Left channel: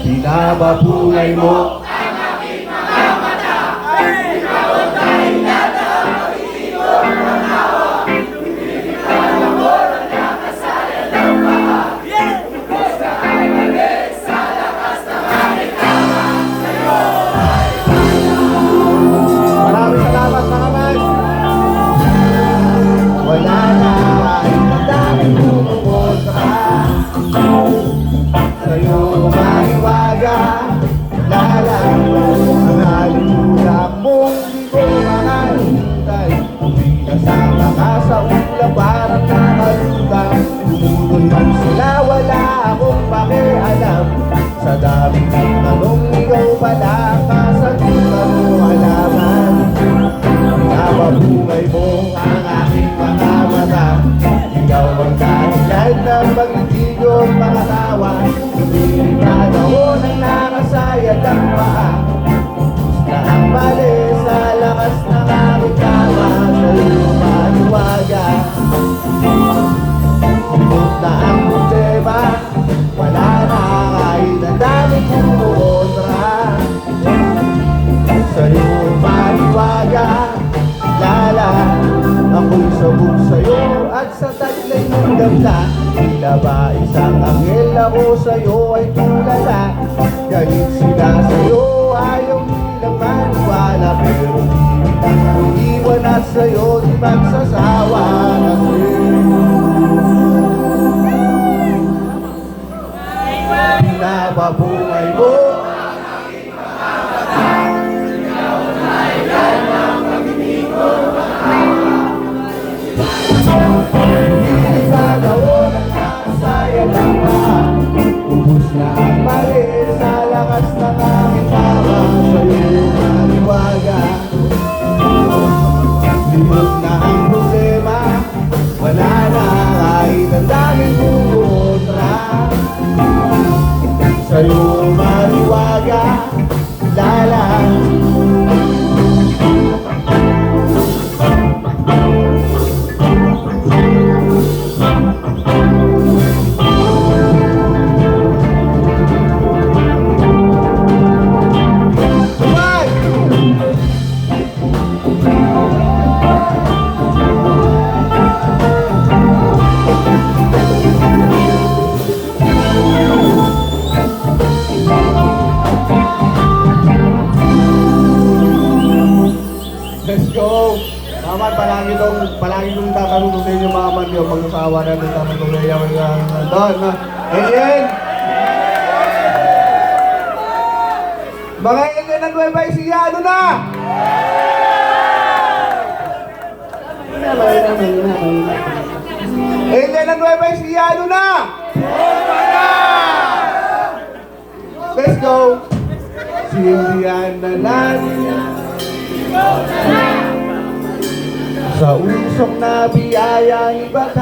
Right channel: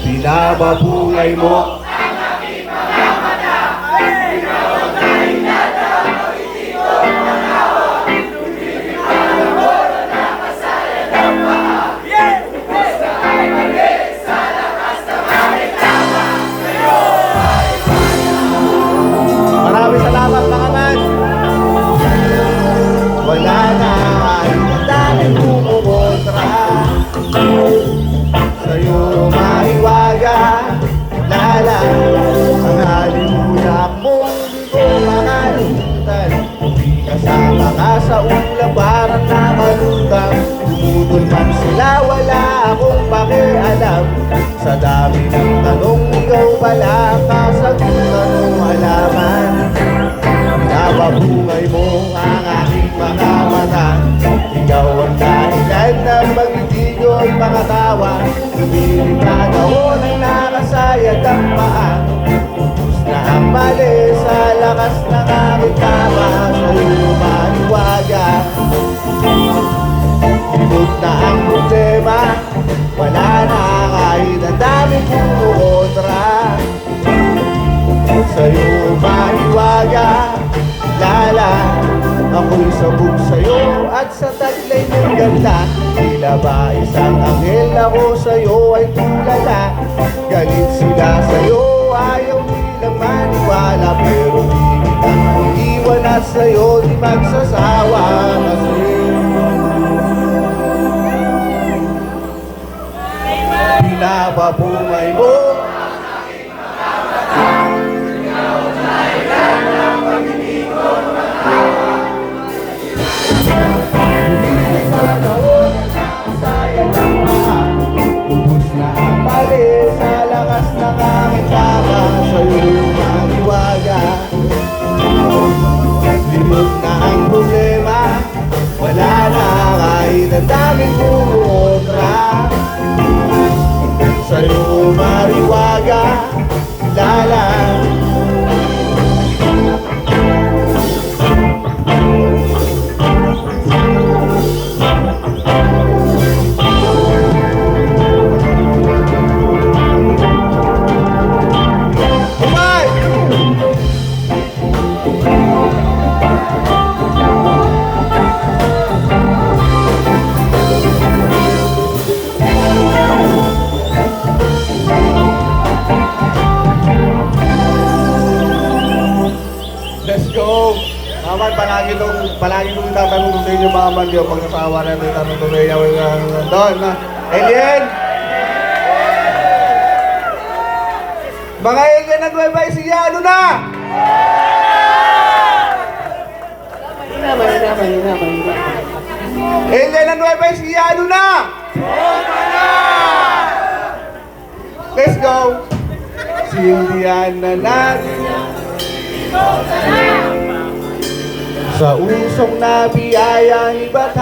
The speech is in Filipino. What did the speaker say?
Binababuhay mo sa dami ng tanong, ikaw pala ang kasagutan mo alaman. Binababuhay mo ang aking mga mata, ikaw ang dahilan ng pag-ibig o pangatawa. Lumilikad ako ng nakasayad ang paa, ubus na ang mali sa lakas ng aking tama. Sa'yo maliwaga, limot na ang problema, wala na kahit ang daming kumukontra. Sa'yo maliwaga, lala, ako'y sabog sa'yo at sa taglay ng ganda. Tila ba isang anghel, ako sa'yo ay tulala. Galit sila sa'yo, ayaw nilang maniwala, pero di kitang iwan at sa'yo di magsasawa. Binababuhay mo ikaw ang dahilan ng pag-ibig ko matawa. Lumilipad ako ng nakasaya ng mga, ubus na ang mali sa lakas ng aking tama. Sa'yo maliwaga, limot na ang problema, wala na kahit ang daming kumukontra. Sa'yo mariwaga, lala. Let's go! Naman, palagi kong tatanong sa inyo mga manyo kung sa awa na may tanong na yaw doon. Alien! Mga alien at Nueva Ecija, ano na? Alien at Nueva Ecija, ano na? Let's go! Sindihan na natin sa usong nabiyaya, iba't